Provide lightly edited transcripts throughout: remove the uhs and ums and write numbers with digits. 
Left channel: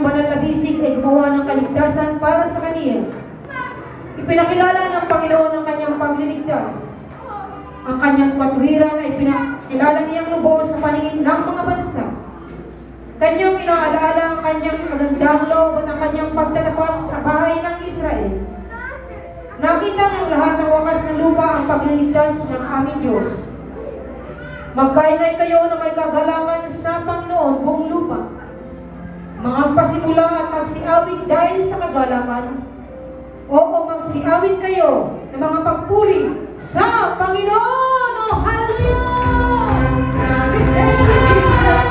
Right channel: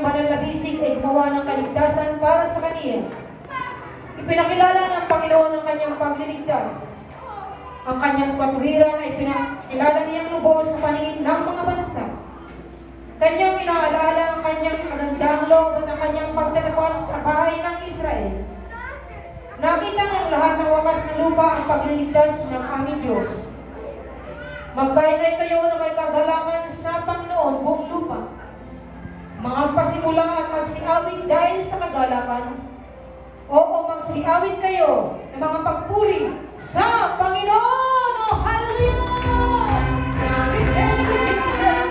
kanyang banal na bisig ay gumawa ng kaligtasan para sa kaniya. Ipinakilala ng Panginoon ang kanyang pagliligtas. Ang kanyang katuwiran ay pinakilala niyang lubos sa paningin ng mga bansa. Kanyang inaalaala ang kanyang magandang loob at ang kanyang pagtatapat sa bahay ng Israel. Nakita ng lahat ng wakas ng lupa ang pagliligtas ng aming Diyos. Magkaingay kayo na may kagalakan sa Panginoon buong lupa. Magpasimula at magsiawit dahil sa kagalakan. Oo, magsiawit kayo ng mga pagpuri sa Panginoon. Oh, hallelujah! We thank you, Jesus.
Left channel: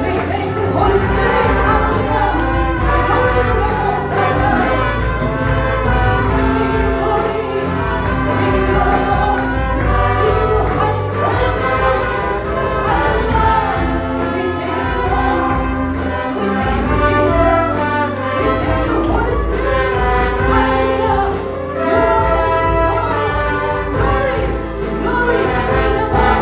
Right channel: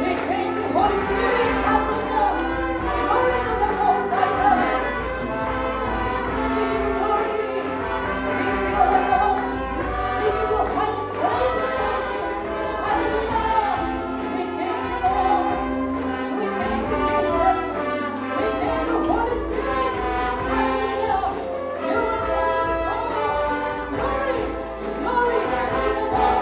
We thank you, Holy Spirit. Hallelujah. Hallelujah. Glory, glory, glory.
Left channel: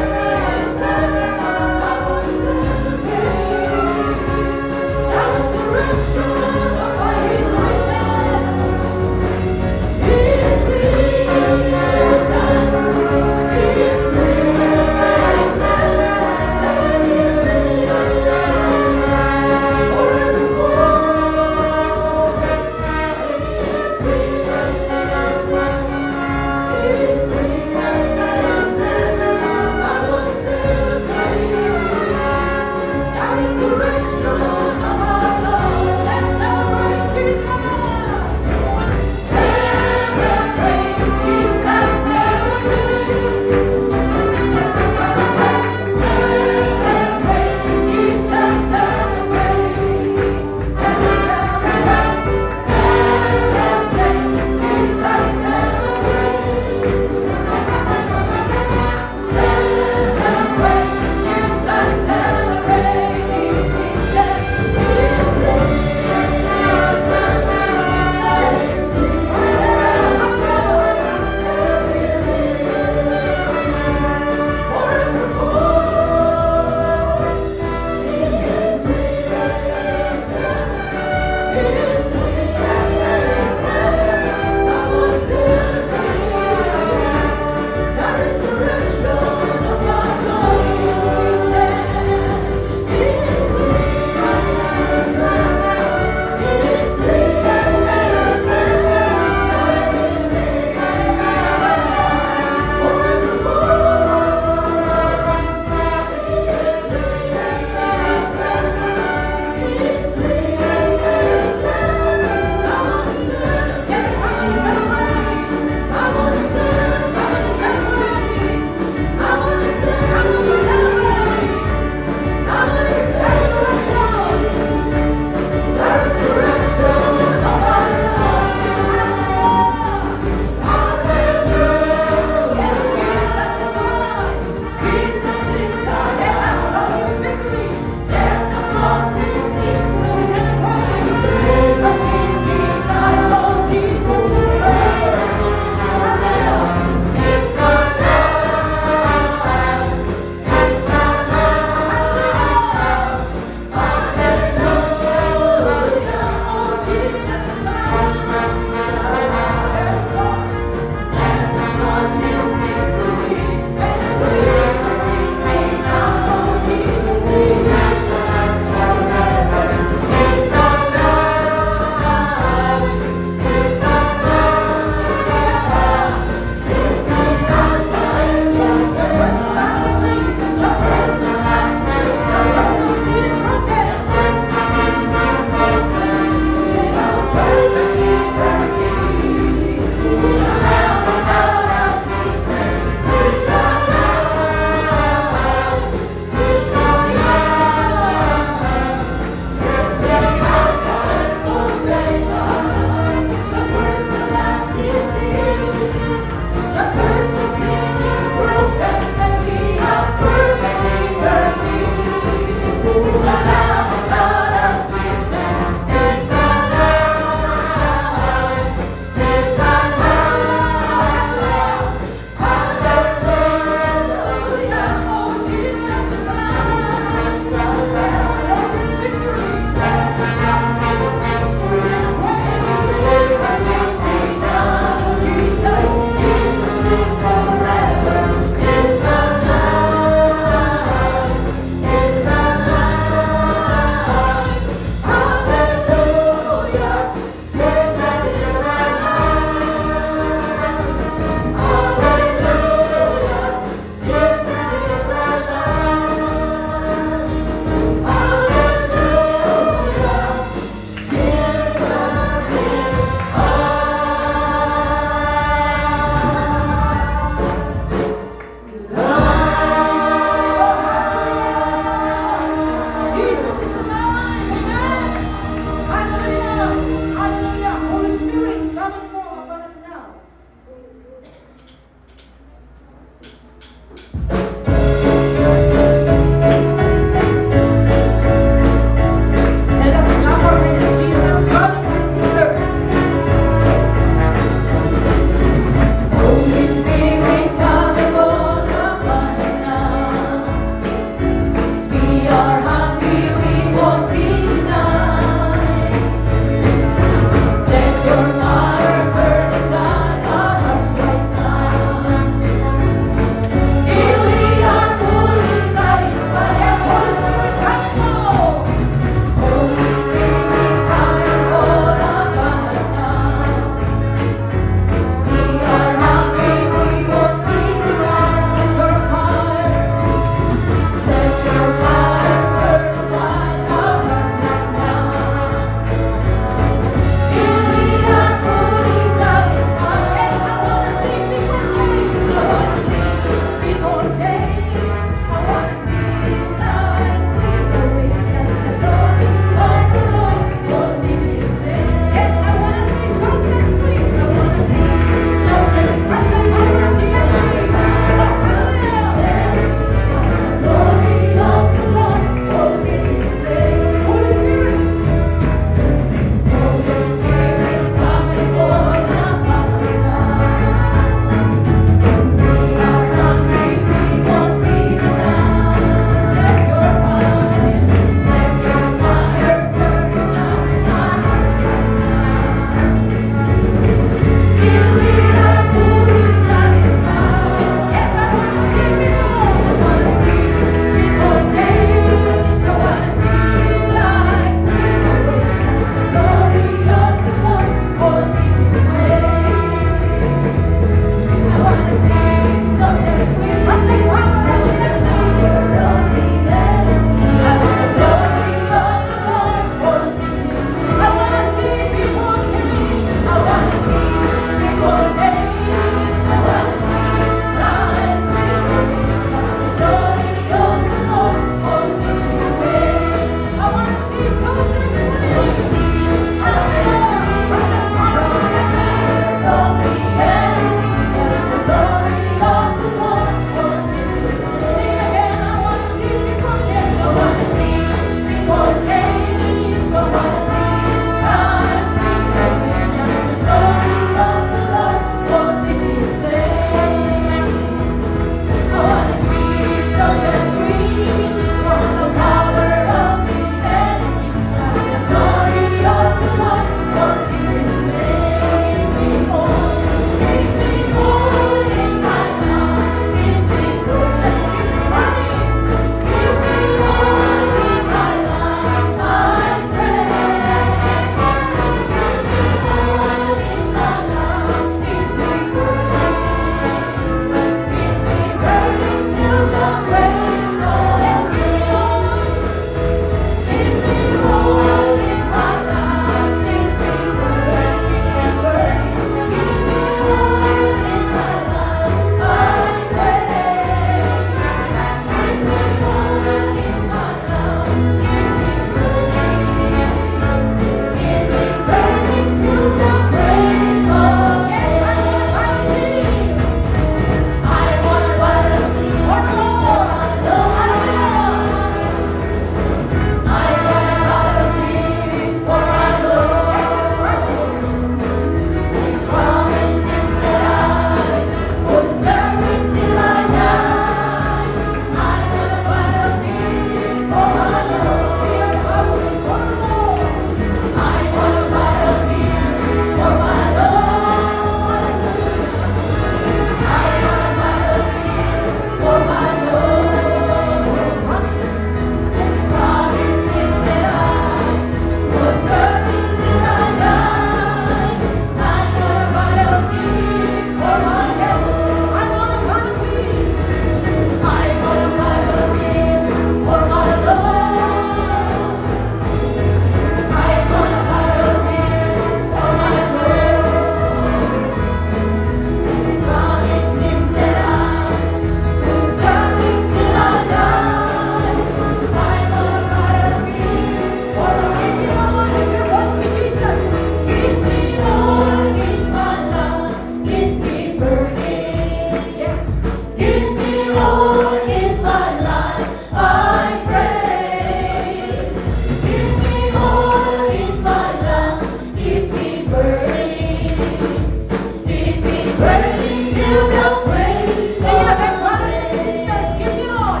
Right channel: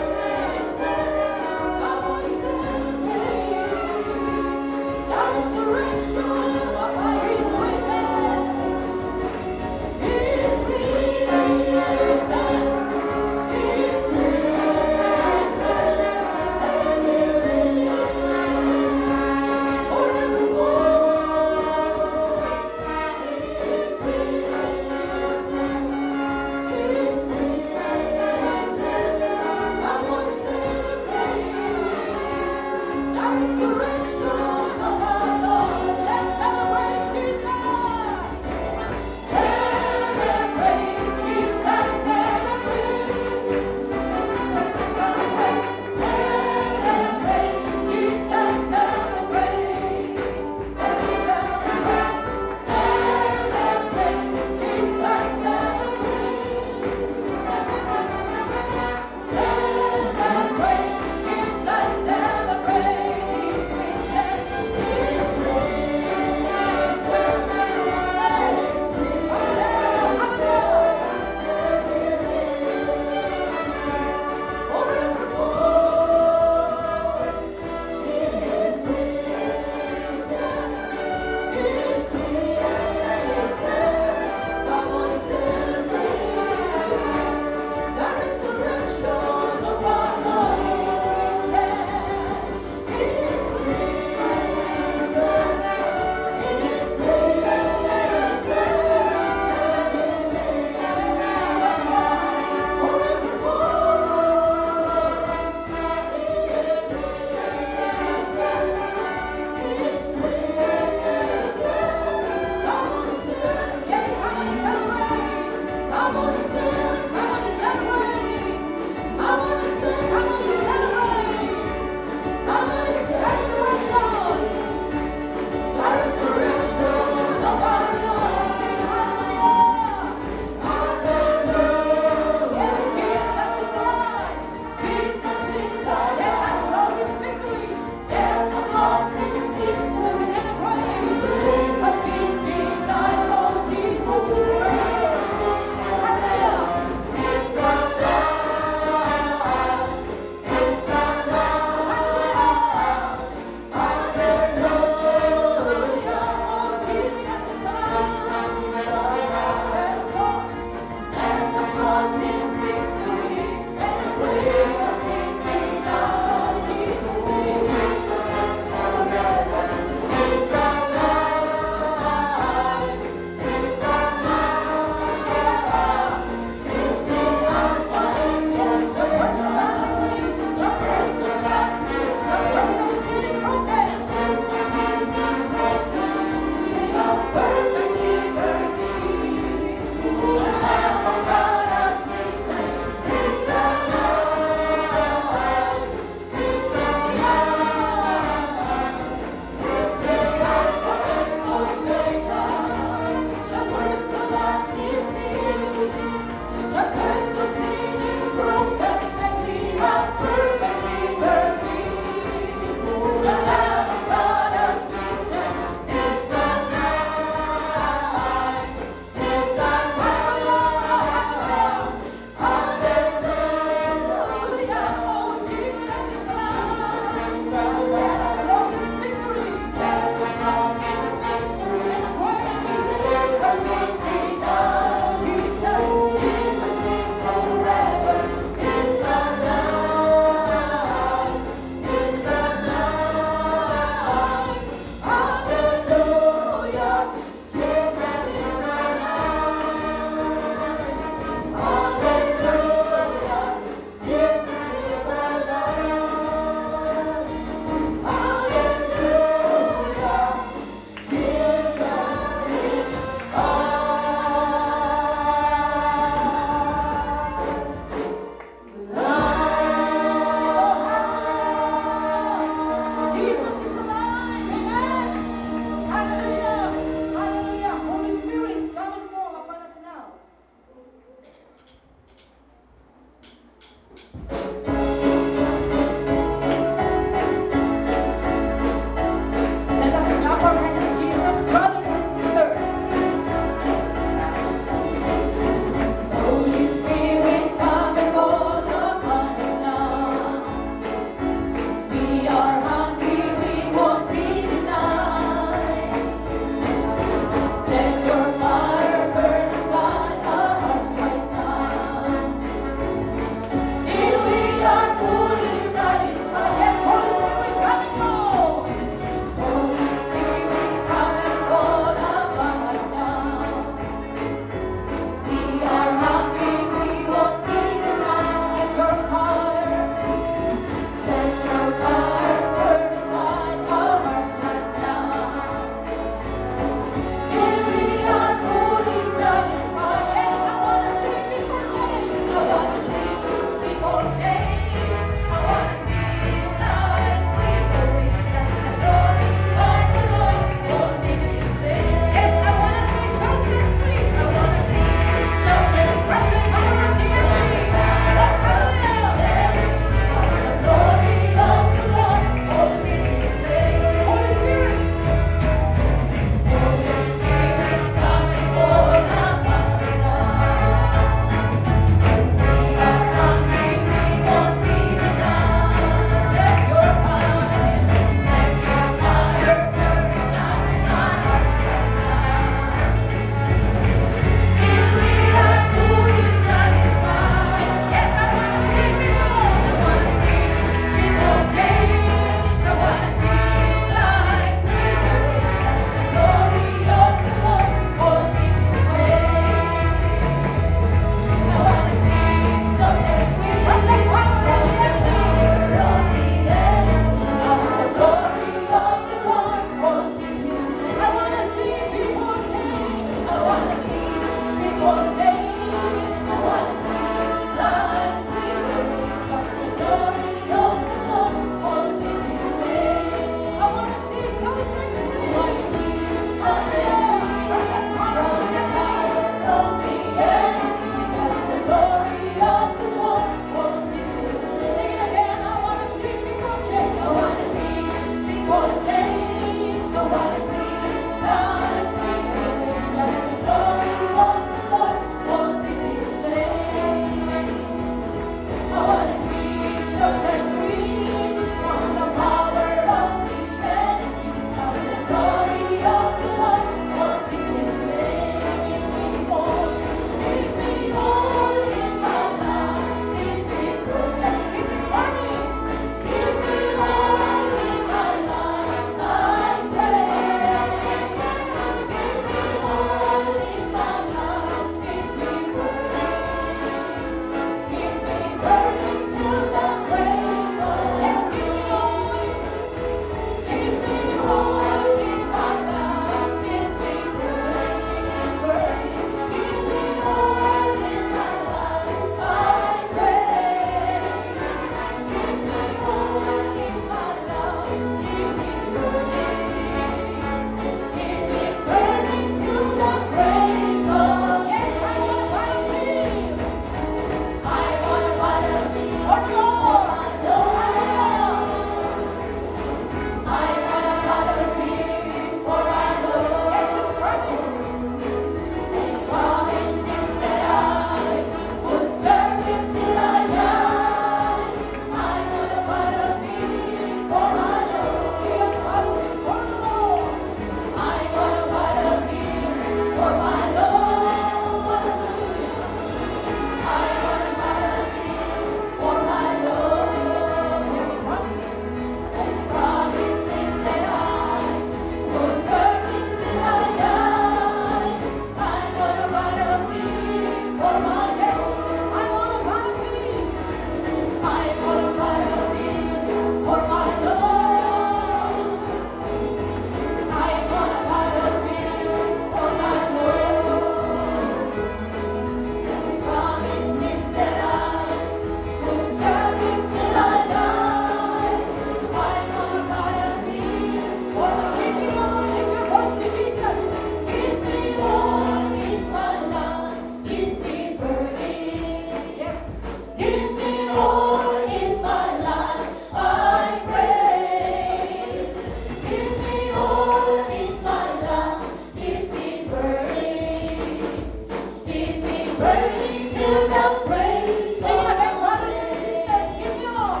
Sige na kayo, brothers and sisters, give me all.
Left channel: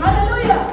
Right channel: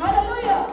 Hallelujah.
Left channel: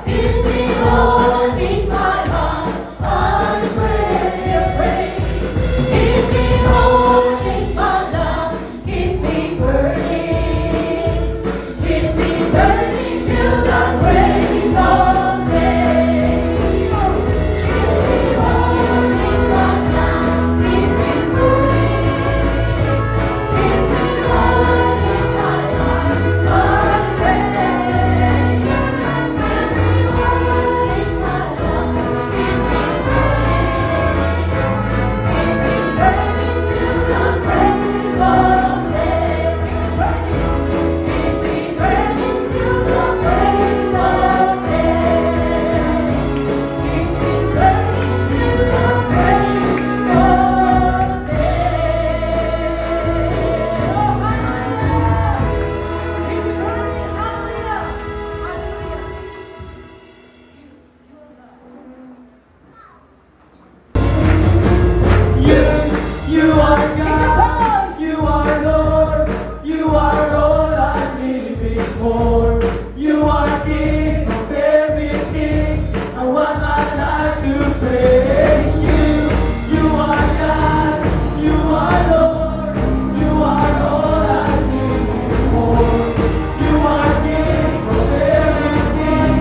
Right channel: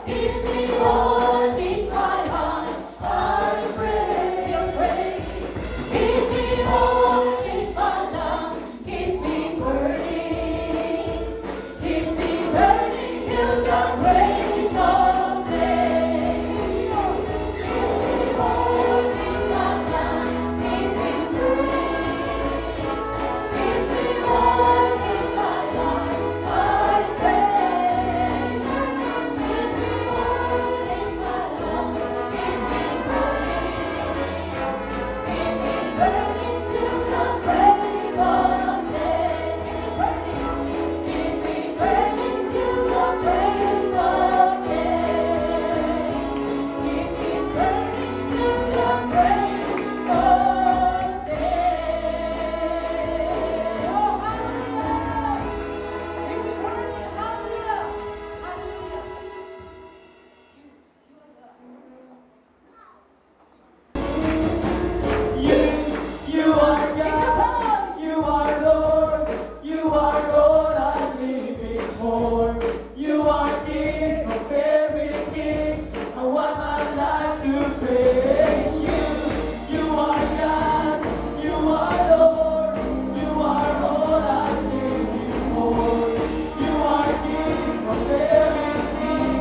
You are God, you are Lord, you are all I need before. You are King of everything, I want my life to praise you. You are God, you are Lord, you are all I need before. You are King of everything,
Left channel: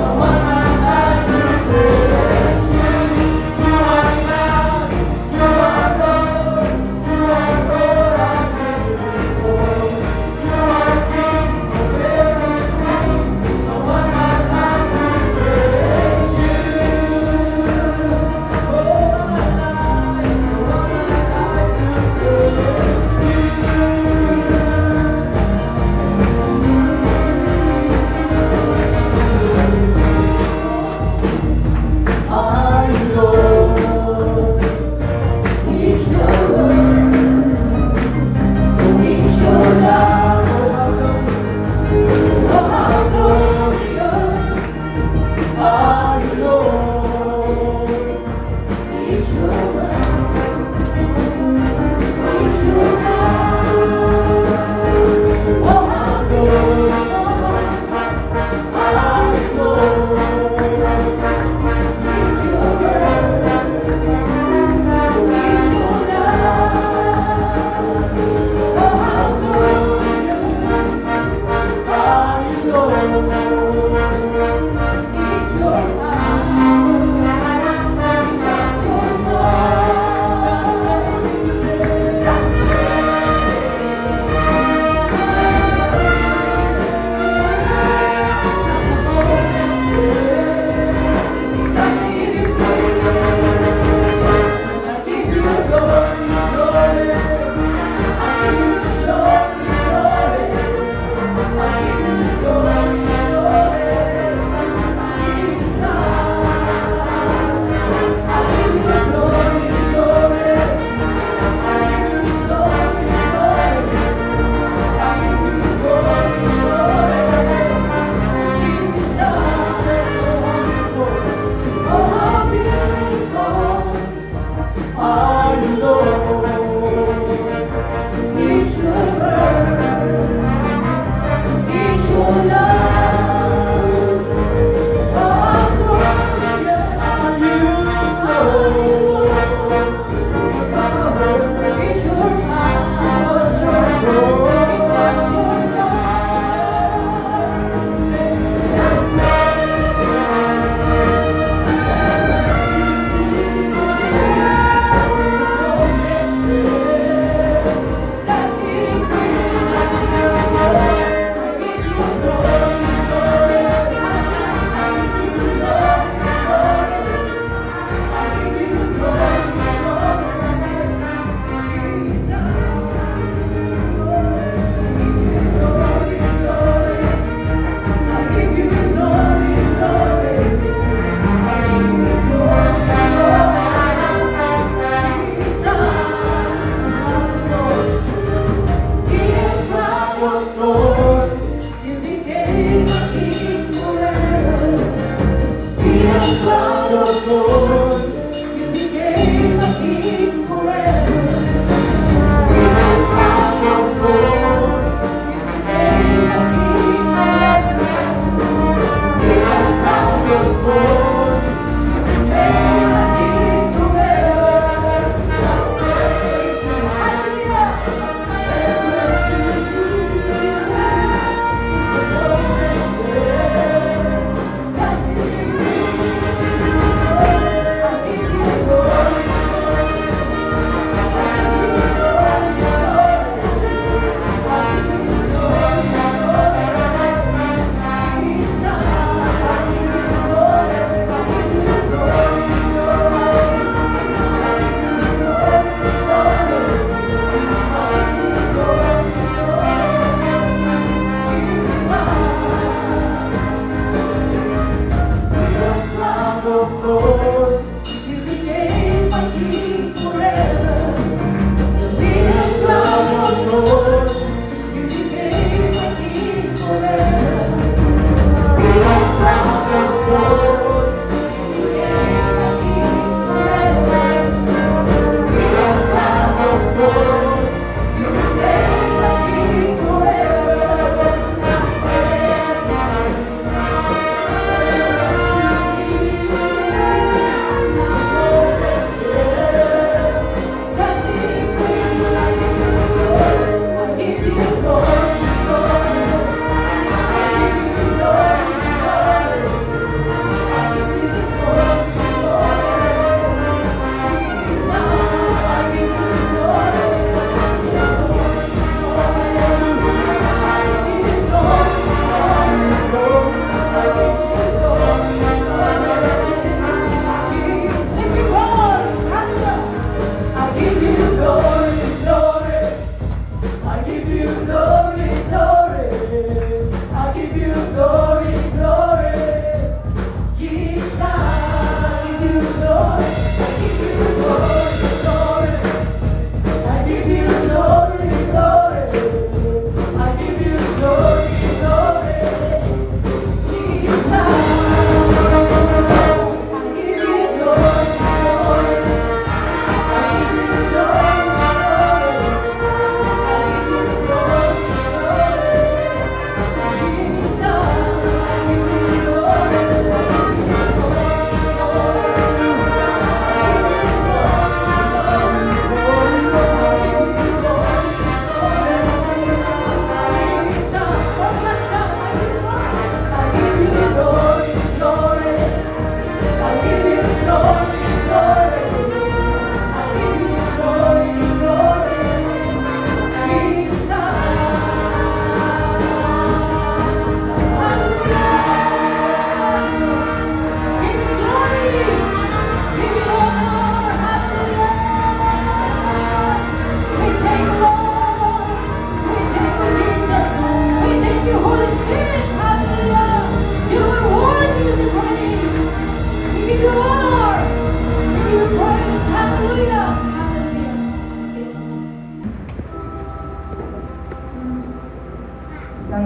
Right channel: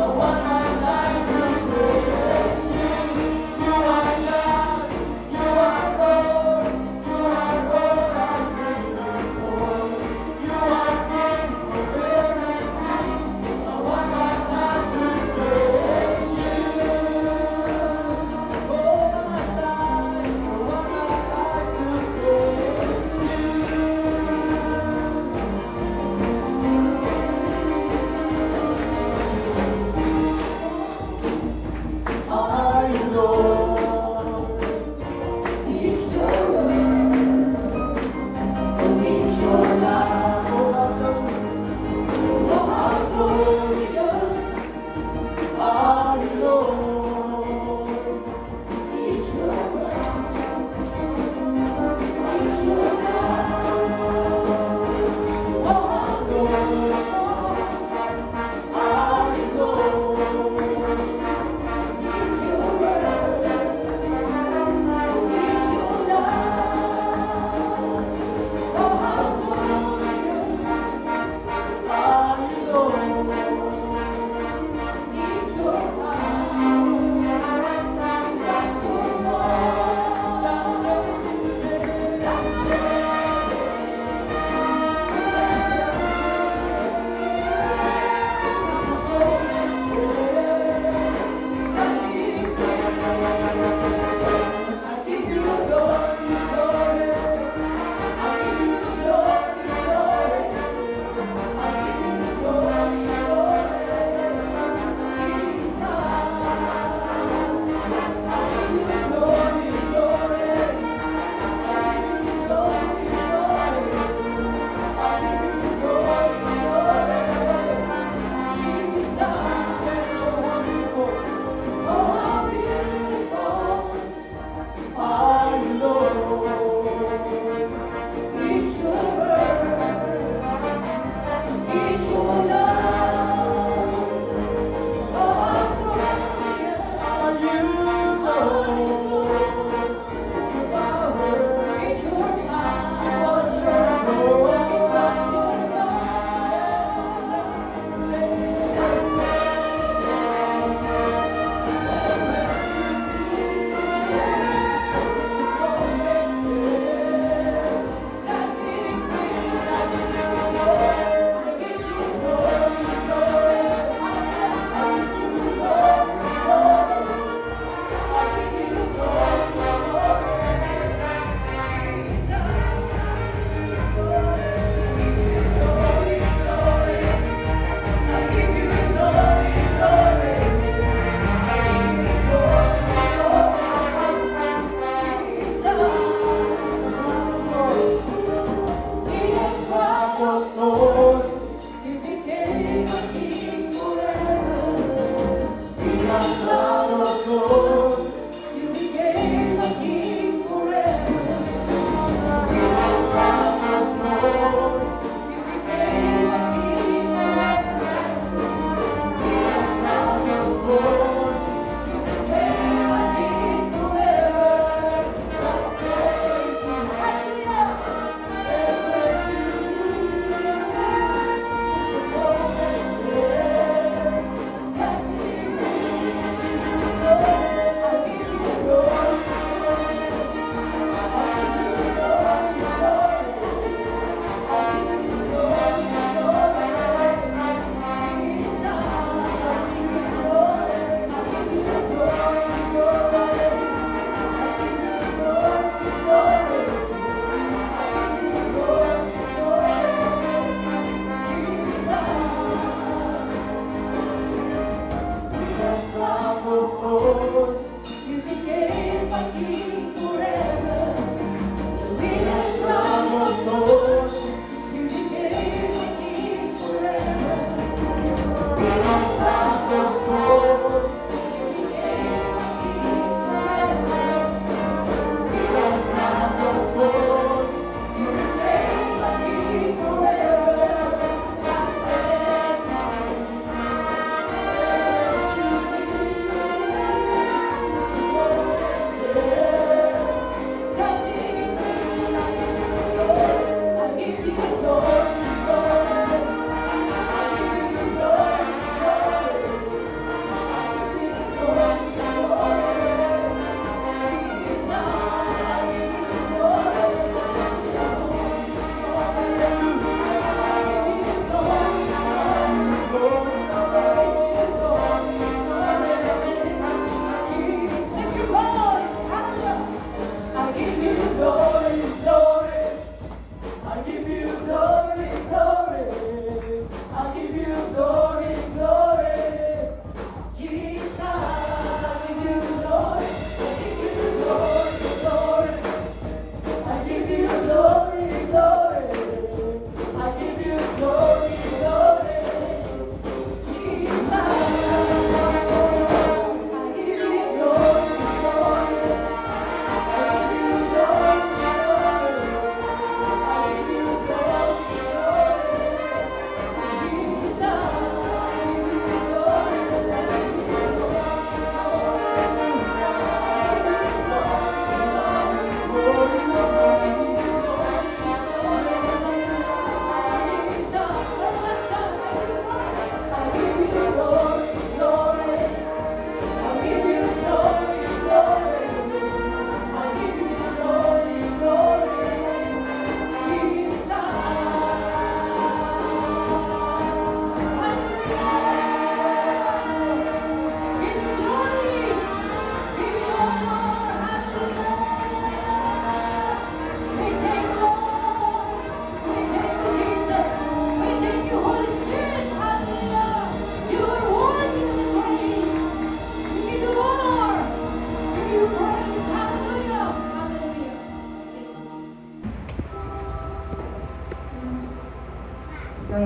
I want my life to praise you. You are God, you are Lord, you are all I need before. You are King of everything, I want my life to praise you. Oh, my life, I want my life to praise you. Are you Lord? It's your word, it's your love. Oh, how glorious are you, Lord? It's your word, it's your love. Oh, how glorious are you, Lord? It's your word, it's your love. Oh, how glorious are you, Lord? It's your power, it's your Are you Lord? It's your word, it's your love. Oh, how glorious are you, Lord? It's your power, it's your love.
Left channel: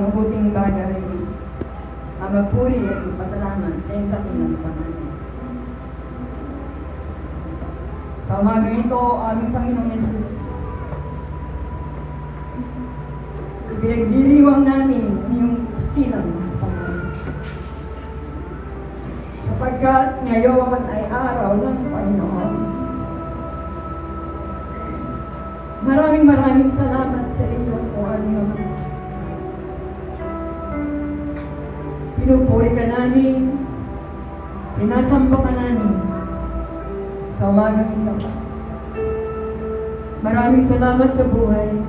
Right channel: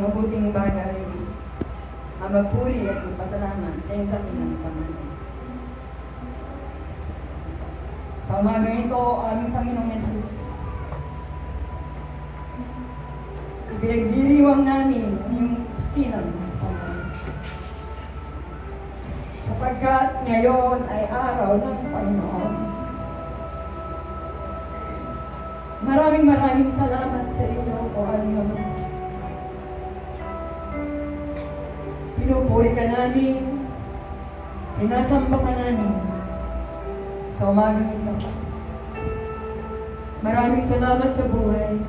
mabuting bagay, ang magpuri at magpasalamat sa iyong dakilang pangalan. Sa umagang ito, aming Panginoong Yesus, ipinagdiriwang namin ang iyong dakilang pangalan. Sapagkat ngayon ay araw ng Panginoon. Maraming salamat sa iyo, O Anyo. Pinupuri ka namin, sinasamba ka namin sa umagang ito. Maraming salamat sa buhay.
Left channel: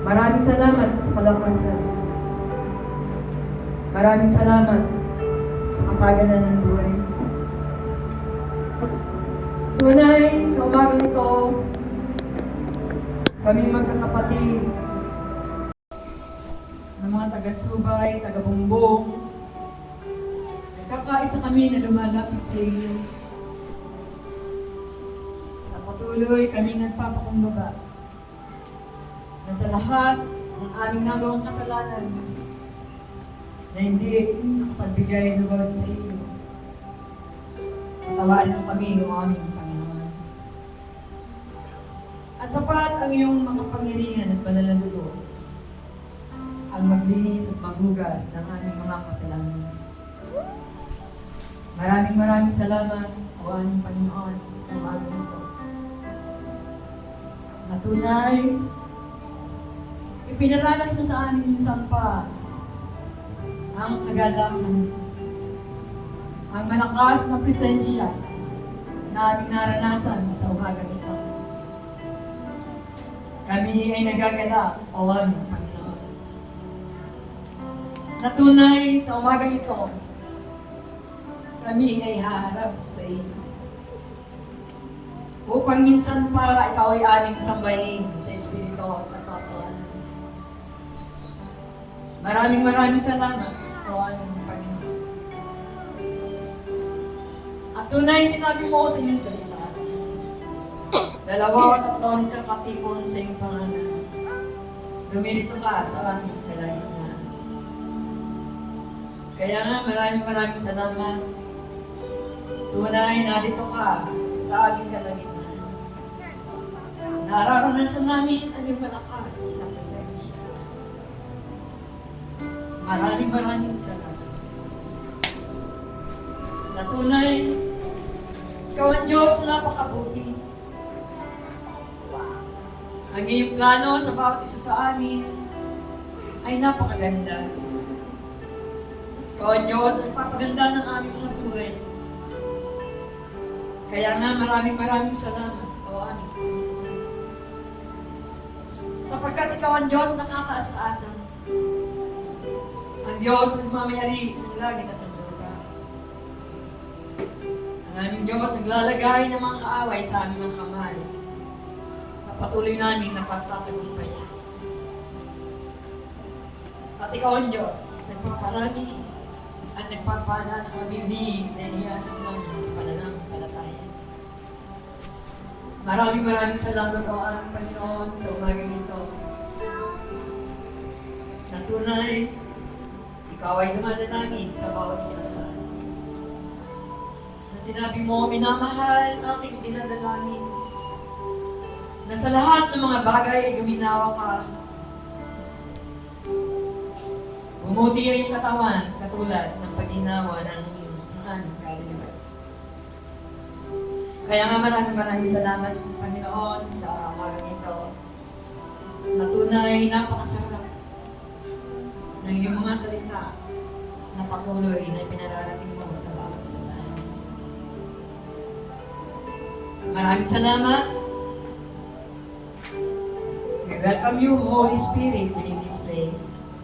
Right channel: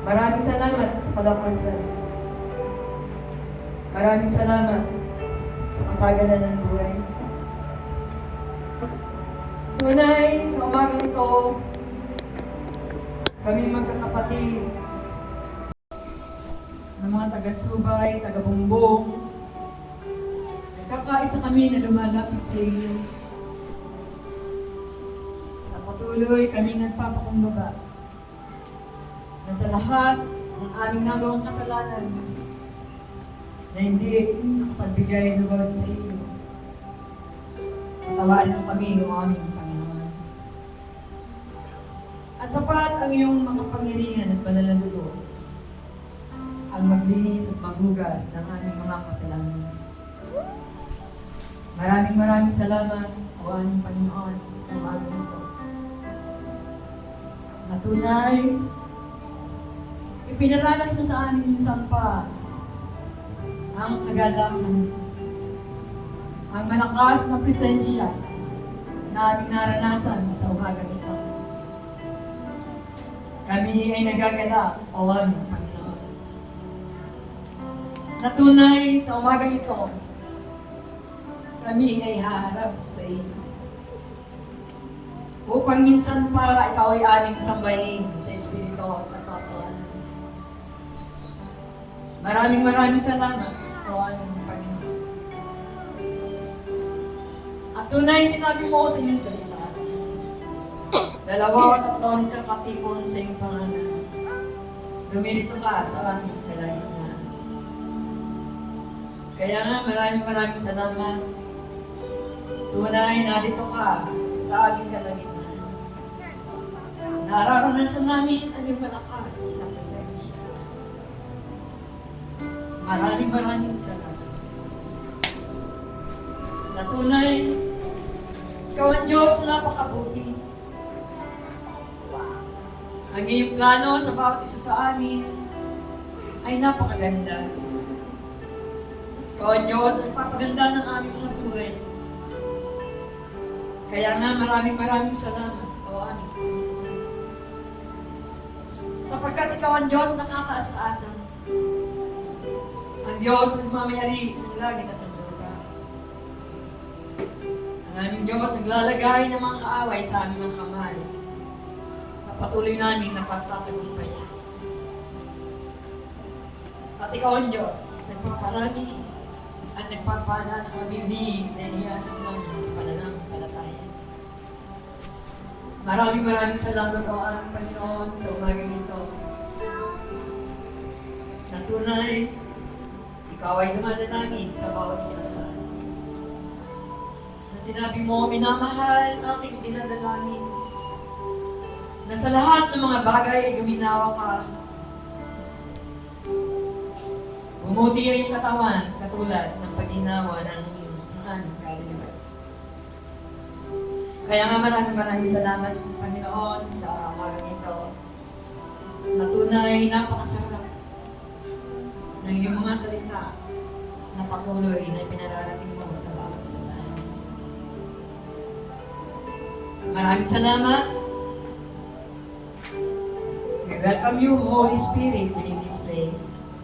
Maraming salamat sa kalakasan. Maraming salamat sa kasaganan ng buhay. Tunay, sa umagang ito, kaming magkakapatid ng mga taga-subay, taga-bumbong, nagkakaisa kami na lumalapit sa iyo. Na patuloy kaming nagpapakumbaba na sa lahat ng aming nagawang kasalanan na hindi nakapagbigay lugod sa iyo. Patawaan mo kami, O aming Panginoon. At sapat ang iyong mga pangyarihan at banal na dugo ang maglinis at maghugas ng aming mga kasalanan. Maraming salamat, O aming Panginoon, sa umagang ito. Natunay, ipinaranas mo sa amin minsan pa ang kagalakan, ang malakas na presensya na aming naranasan sa umagang ito. Kami ay nagagalak, O aming Panginoon. Natunay sa umagang ito, kami ay haharap sa iyo. Upang minsan pa ikaw ay aming sambahin sa Espiritu at katotohanan. Maraming salamat, O aming Panginoon. At tunay sinabi mo sa iyong salita, 2 at 3 kakatipon sa iyong pangalan. Dumilito ka sa aming kalagitnaan. Kaya nga maraming salamat. Tunay na dito ka sa aming kalagitnaan. Nararanasan namin ang iyong malakas na presensya. Maraming salamat. Na tunay, ikaw ang Diyos na napakabuti. Ang iyong plano sa bawat isa sa amin ay napakaganda. Ikaw ang Diyos ang papaganda ng aming mga buhay. Kaya nga maraming salamat, O aming Panginoon. Sapagkat ikaw ang Diyos na kataas-taasan. Ang Diyos ang mamayari ng langit at ng lupa. Ang aming Diyos naglalagay ng mga kaaway sa aming mga kamay. Patuloy namin na pagtatagumpayan. At ikaw ang Diyos, nagpaparami at nagpapala ng mabibig na iniyas namin sa pananampalataya. Maraming salamat, O aming Panginoon, sa umagang ito. Na tunay, ikaw ay dumadalangin sa bawat isa sa amin. Na sinabi mo, minamahal ang aking dinadalangin. Na sa lahat ng mga bagay ay guminawa ka. Bumuti ang iyong katawan katulad ng paginawa ng iyong kaluluwa. Kaya nga maraming salamat, Panginoon, sa umagang ito. Na tunay, napakasarap ng iyong mga salita na patuloy na pinararating mo sa bawat isa sa amin. Maraming salamat. We welcome you, Holy Spirit, in this place.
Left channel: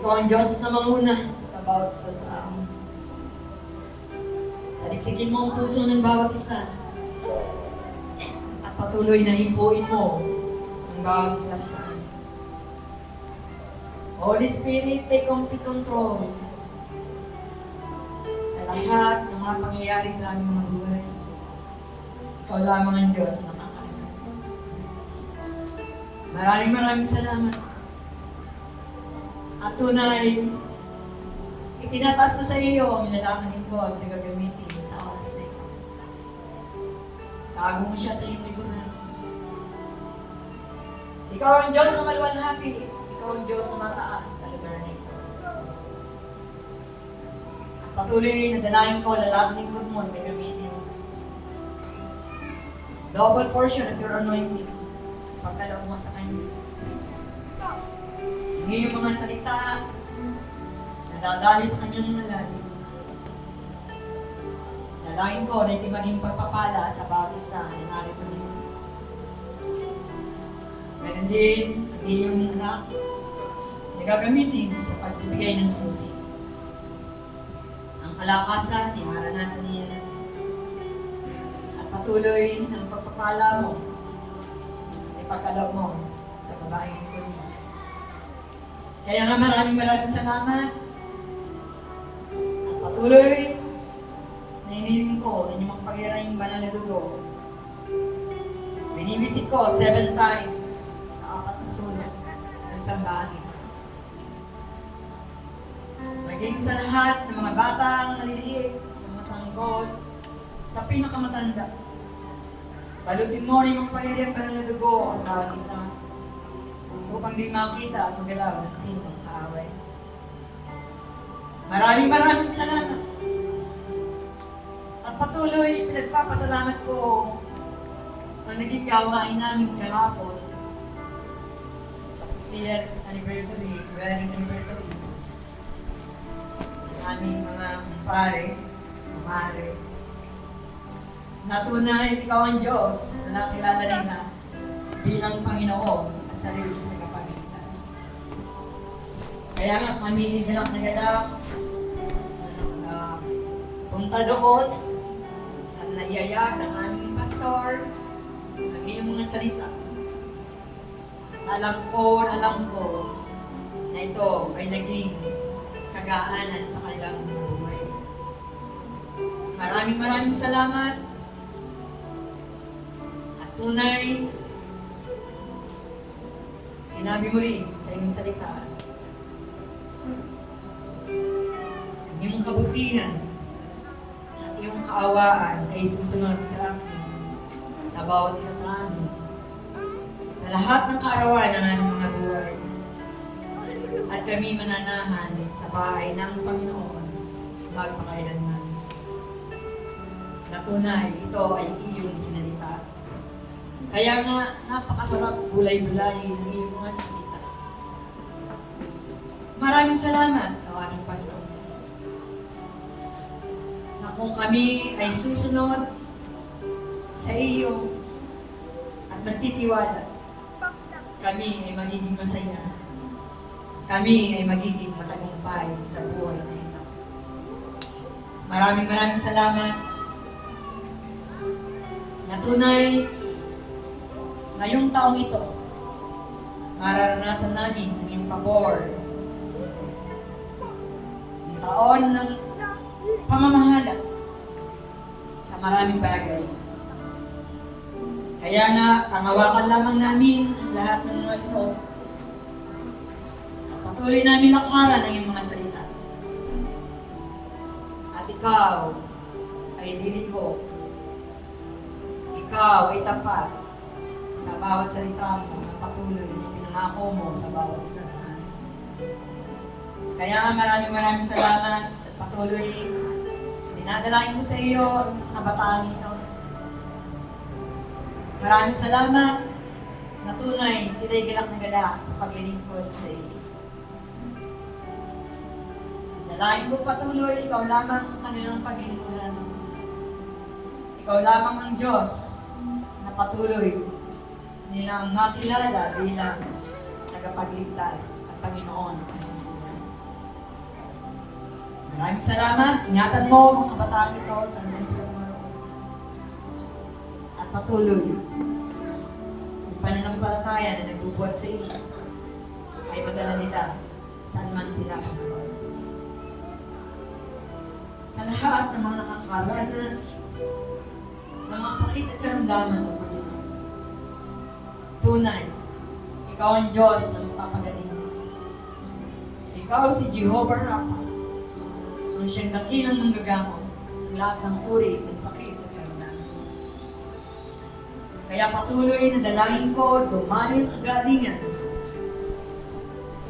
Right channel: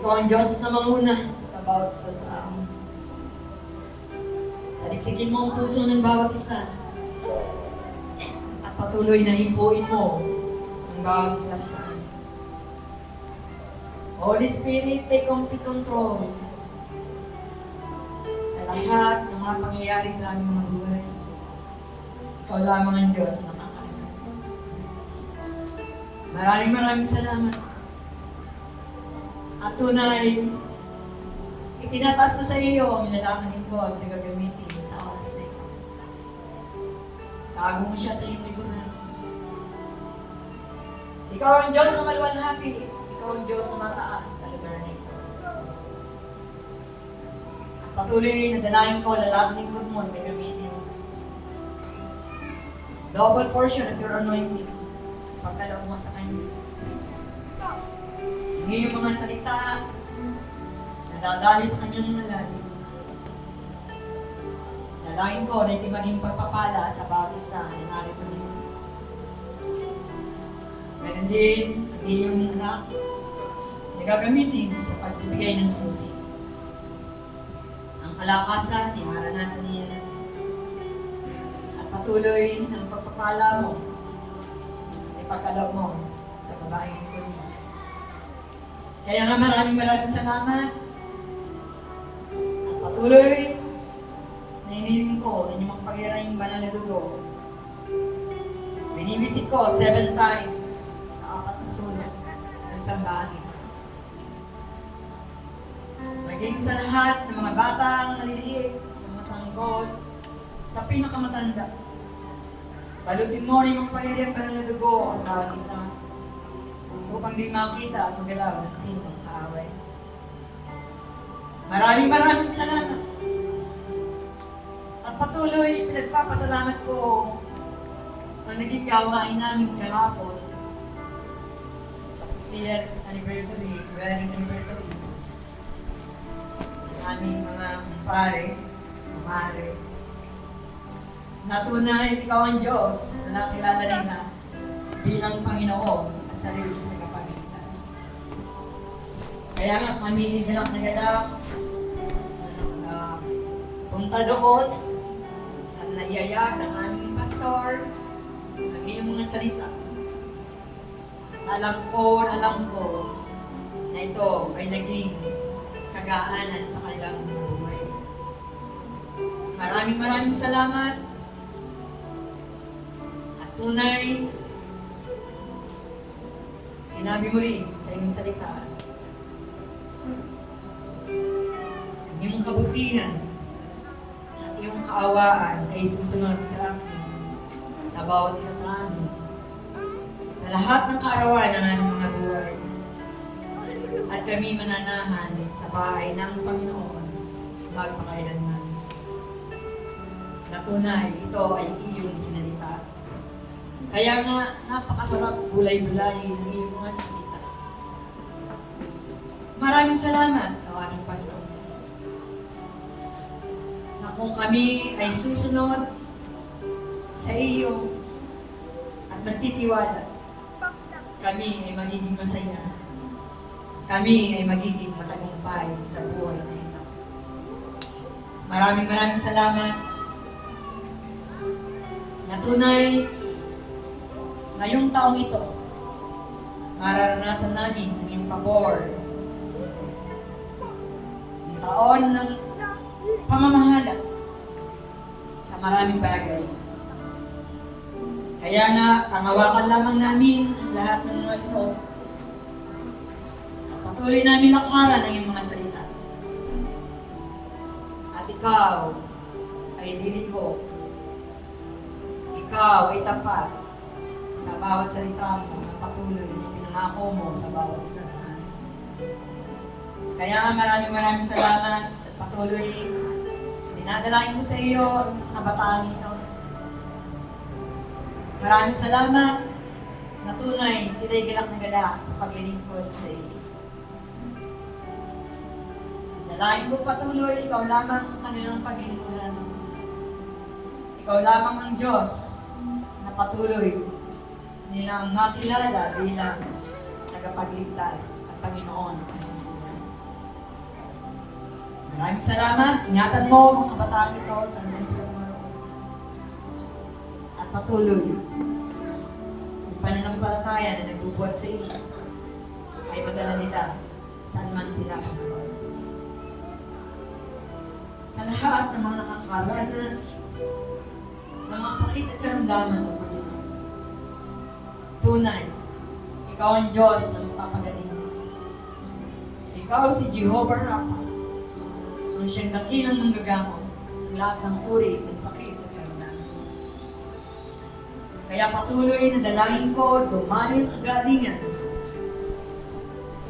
Ikaw ang Diyos na manguna sa bawat isa sa amin. Saliksikin mo ang puso ng bawat isa. At patuloy na himpuin mo ang bawat isa sa amin. Holy Spirit, take complete control sa lahat ng mga pangyayari sa aming mga buhay. Ikaw lamang ang Diyos na makakita. Maraming salamat. At tunay, itinataas ko sa iyo ang lalakanin ko at nagagamitin sa oras na ito. Tago mo siya sa iyong likuran. Ikaw ang Diyos na maluwalhati. Ikaw ang Diyos na mataas sa lugar na ito. At patuloy na dalahin ko, lalakanin ko mo na gagamitin. Double portion of your anointing. Pagkalaw mo sa Kanya. Ngayon yung mga salita na dadali sa Kanyang malalim. Dalangin ko na iti maging pagpapala sa bawat isa na narito niyo. Ganun din, ang iyong anak na gagamitin sa pagbibigay ng susi. Ang kalakasan, ay maranasan niya. At patuloy ng pagpapala mo, ay pagkalaw mo sa babaeng ito niya. Kaya nga maraming salamat. At patuloy na iniling ko na inyong magpagirang banal na dugo. Binibisit ko 7 times sa 4 na sulat ng sambahan ito. Maging sa lahat ng mga batang maliliit, sa mga sanggol, sa pinakamatanda. Balutin mo rin yung magpagirang banal na dugo ang bawat isa upang di makita at magalaw ng sinong kaaway. Maraming salamat. At patuloy, pinagpapasalamat ko ang naging gawain namin kahapon sa 50th anniversary, wedding anniversary. Ang aming mga kumpare, kumare. Natunay, ikaw ang Diyos na nakilala nila bilang Panginoon at sarili ng tagapagligtas. Kaya nga kami galak na galak punta doon at naiyayag ng aming pastor ang iyong mga salita. Alam ko na ito ay naging kagaanan sa kanilang buhay. Maraming salamat. At tunay, sinabi mo rin sa iyong salita, ang iyong kabutihan at iyong kaawaan ay susunod sa akin, sa bawat isa sa amin, sa lahat ng kaarawan ng aming mga buhay. At kami mananahan sa bahay ng Panginoon magpakailanman. Natunay, ito ay iyong sinalita. Kaya nga, napakasarap bulay-bulay ng iyong mga salita. Maraming salamat, o aming Panginoon, na kung kami ay susunod sa iyo at magtitiwala, kami ay magiging masaya. Kami ay magiging matagumpay sa buhay na ito. Maraming salamat. Natunay, ngayong taong ito, mararanasan namin ang iyong pabor. Ang taon ng pamamahala sa maraming bagay. Kaya na, pangawakan lamang namin ang lahat ng mga ito. At patuloy namin lakaran ang iyong mga salita. At ikaw ay liliko. Ikaw ay tapat sa bawat salita mo na patuloy na pinangako mo sa bawat isa sa amin. Kaya nga maraming salamat at patuloy dinadalain ko sa iyo ang kabataan ito. Maraming salamat na tunay sila'y galak na galak sa paglilingkod sa iyo. Dalain ko patuloy, ikaw lamang ang kanilang paglingkuran. Ikaw lamang ang Diyos na patuloy nilang makilala bilang tagapagligtas at Panginoon. Maraming salamat. Ingatan mo ang kabataan ito sa naman sila maroon. At patuloy, ang pananampalataya na nagbubuhat sa iyo ay madala nila saan man sila maroon. Sa lahat ng mga nakakaranas ng mga sakit at karamdaman ng Panginoon, tunay, Ikaw ang Diyos na magpapagaling. Ikaw si Jehovah Rapha, ang siyang dakilang manggagamot ng lahat ng uri ng sakit at karamdaman. Kaya patuloy na dalangin ko, dumali ang kagalingan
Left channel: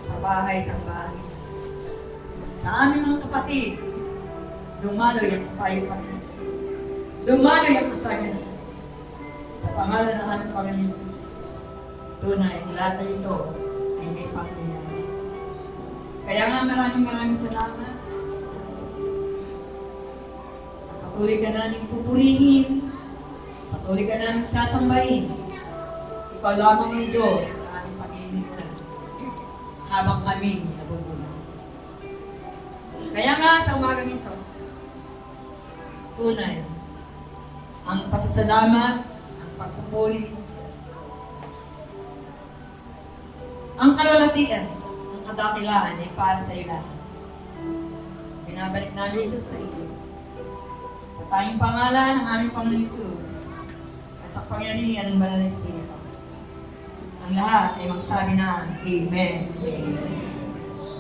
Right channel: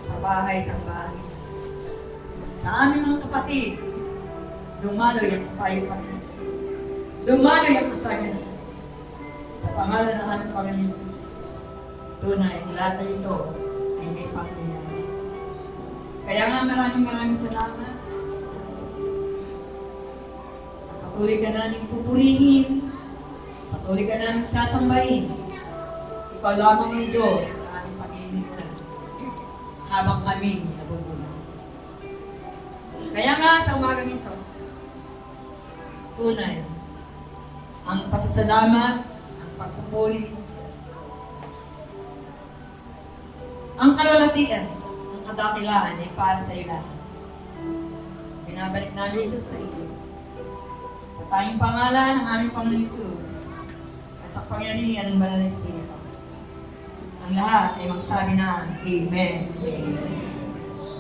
sa bahay sa bahay. Sa aming mga kapatid, dumaloy ang kapayapatan. Dumaloy ang kasaganan. Sa pangalan ng aming Panginoon Jesus, tunay, lahat na ito ay may pangyayari. Kaya nga maraming salamat. Patuloy ka namin pupurihin. Patuloy ka namin sasambahin. Ikaw lamang ang Diyos sa aming pag-iinitan habang kami nabubulan. Kaya nga sa umagang ito, tunay, ang pasasalamat, ang pagpupuri, ang kalulatian, ang kadakilaan ay para sa iyo lahat. Binabalik namin ito sa iyo. Sa tayong pangalan ng aming Panginoon Jesus at sa pangyarihan ng Banal na Espiritu. Ang lahat ay magsabi na Amen. Amen.